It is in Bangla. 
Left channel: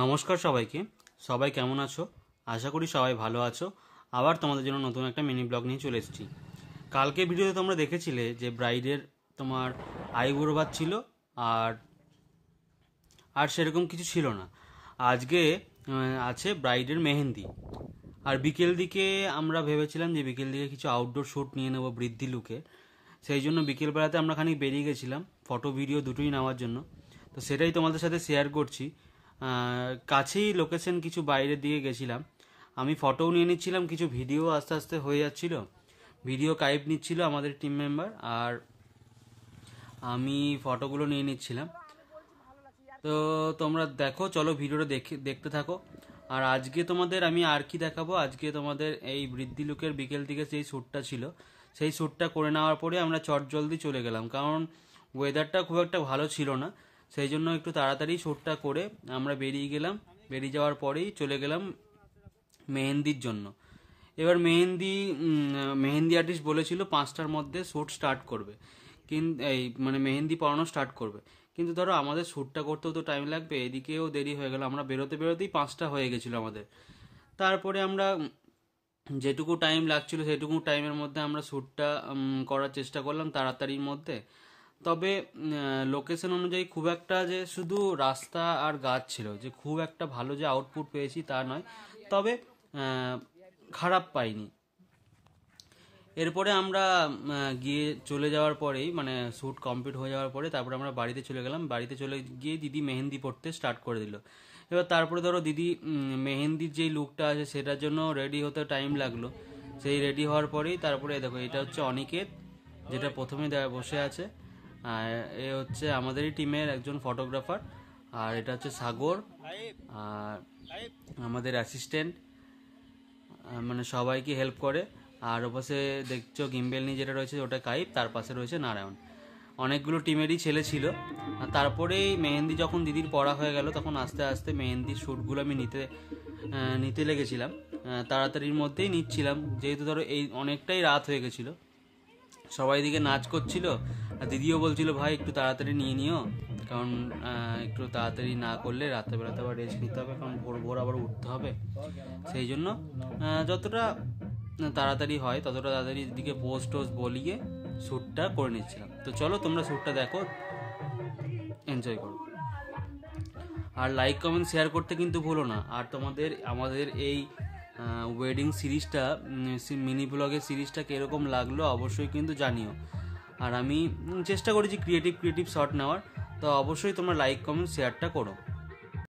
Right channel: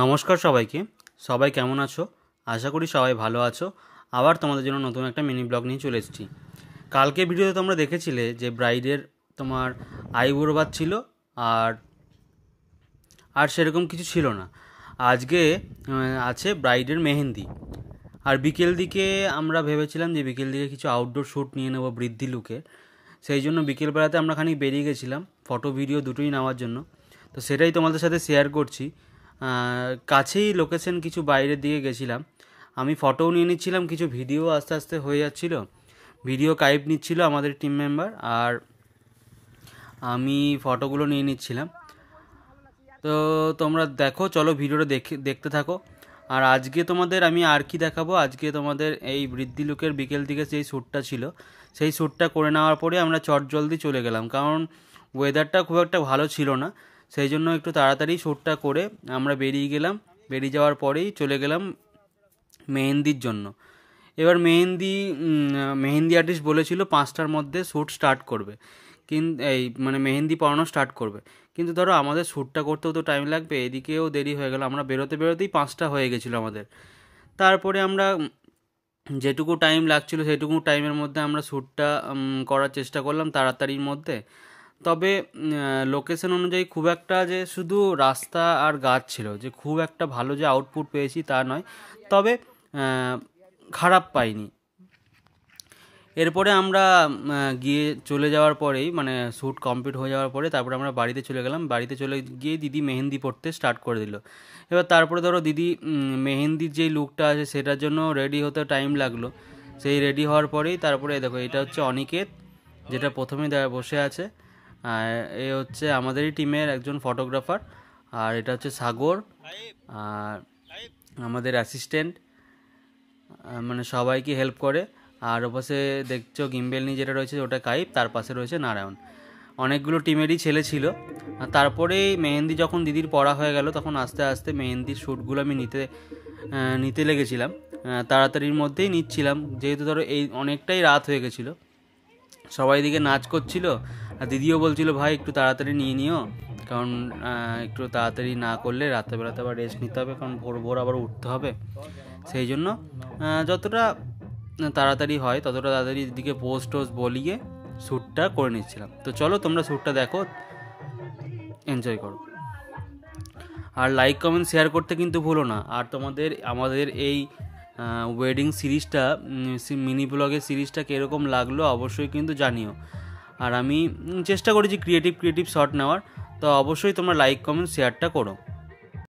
নমস্কার সবাইকে। সবাই কেমন আছো? আশা করি সবাই ভালো আছো। আবার তোমাদের জন্য নতুন একটা মিনি ব্লগ নিয়ে চলে এসেছি। কালকে ভিডিওতে তোমরা দেখেছিলে যে ব্রাইডের তোমার আইবুড়ো ভাত ছিল আর আর সেরকম কিছু ছিল না। আজকে আছে ব্রাইডের মেহেন্দি। আর বিকেল দিকে আমরা ভেবেছিলাম যে বিকেল দিকে কিছু আউটডোর শ্যুট নিয়ে নেবো বৃদ্ধি লুকে। সেই জন্য বিকেলবেলাতে আমরা খানিক বেরিয়ে গেছিলাম ফটো ভিডিও দুটোই নেওয়ার জন্য। তো সেটাই তোমাদের সাথে শেয়ার করছি। কাছেই লোকেশন কিছু বাইরের দিকে গেছিলাম। আমি ফটোও নিয়ে নিচ্ছিলাম, কিছু ভিডিও আস্তে আস্তে হয়ে যাচ্ছিল। ভিডিও ক্লিপ নিচ্ছিল আমাদের টিম মেম্বার আর আমি ফটোগুলো নিয়ে নিচ্ছিলাম। তো তোমরা দেখো, চলো ভিডিওটা দেখতে থাকো। আর আজকে তোমাদের আমি আর কি দেখাবো, আজকে তোমাদের এই বৃদ্ধি লুকের বিকেল দিকে যেই শ্যুটটা ছিল সেই শ্যুটটা করে নেওয়ার পরে আমরা চটজলদি চলে গেলাম, কারণ ওয়েদারটা খুব একটা ভালো ছিল না। সেই জন্য একটু তাড়াতাড়ি শ্যুটটা করে আমরা বেরিয়ে গেলাম। বেরিয়ে যাওয়ার পরেই চলে গেলাম মেহেন্দির জন্য। এবার মেহেন্দি আর্টিস্ট বলেছিল 5টার মধ্যে শ্যুট স্টার্ট করবে, কিন্তু এই মানে মেহেন্দি পরানো স্টার্ট করবে। কিন্তু ধরো আমাদের শ্যুটটা করতেও তো টাইম লাগবে, এদিকেও দেরি হয়ে গেল। আমরা বেরোতেই 5টা হয়ে গেছিলো আমাদের। তারপরে আমরা যেটুকু টাইম লাগছিল সেটুকু টাইমের মধ্যে আমরা শ্যুটটা করার চেষ্টা করলাম তাড়াতাড়ির মধ্যে। তবে লোকেশন অনুযায়ী খুব একটা যে শুধু রাস্তা আর গাছ ছিল, যে খুব একটা ভালো যে আউটপুট পেয়েছি তা নয়, তবে খারাপ পাইনি। এরপরে আমরা গিয়ে চলে যাওয়ার পরেই মানে শ্যুট কমপ্লিট হয়ে যাওয়ার পরে তারপরে আমরা বাড়িতে চলে গেলাম। বাড়িতে চলে গিয়ে দিদি মেহেন্দি পড়তে স্টার্ট করে দিল। এবার তারপরে ধরো দিদি মেহেন্দির যেই লুকটা আছে সেটার জন্য রেডি হতে টাইম লাগলো। সেই রেডি হওয়ার পরেই তারপরে দেখো, এটা হচ্ছে অনিকেত, যেটা প্রথমে বসে আছে। আর এ হচ্ছে আমাদেরই টিমের একজন ফটোগ্রাফার। আর এটা হচ্ছে সাগর আর আমাদের অ্যাসিস্ট্যান্ট, মানে সবাইকে হেল্প করে। আর ওপাশে দেখছো গিম্বেল নিয়ে যেটা রয়েছে ওটা কাইপ, তার পাশে রয়েছে নারায়ণ। অনেকগুলো টিমেরই ছেলে ছিল। তারপরে মেহেন্দি যখন দিদির পড়া হয়ে গেল তখন আস্তে আস্তে মেহেন্দির শ্যুটগুলো আমি নিতে লেগেছিলাম। তাড়াতাড়ির মধ্যেই নিচ্ছিলাম, যেহেতু ধরো এই অনেকটাই রাত হয়ে গেছিলো। সবাই দিকে নাচ করছিল আর দিদিও বলছিল ভাই একটু তাড়াতাড়ি নিয়ে নিও, কারণ একটু তাড়াতাড়ি না করলে রাত্রেবেলাতে আবার রেস্ট নিতে হবে, কারণ ভোর ভোর আবার উঠতে হবে। সেই জন্য যতটা তাড়াতাড়ি হয় ততটা তাড়াতাড়ি দিকে পোস্ট বলিয়ে শ্যুটটা করে নিচ্ছিলাম। তো চলো তোমরা শ্যুটটা দেখো, এনজয় করো। আর লাইক কমেন্ট শেয়ার করতে কিন্তু ভুলো না। আর আমাদের এই ওয়েডিং সিরিজটা, মিনি ব্লগের সিরিজটা কীরকম লাগলো অবশ্যই কিন্তু জানিও। আর আমি চেষ্টা করেছি ক্রিয়েটিভ শট নেওয়ার, তো অবশ্যই তোমরা লাইক কমেন্ট শেয়ারটা করো।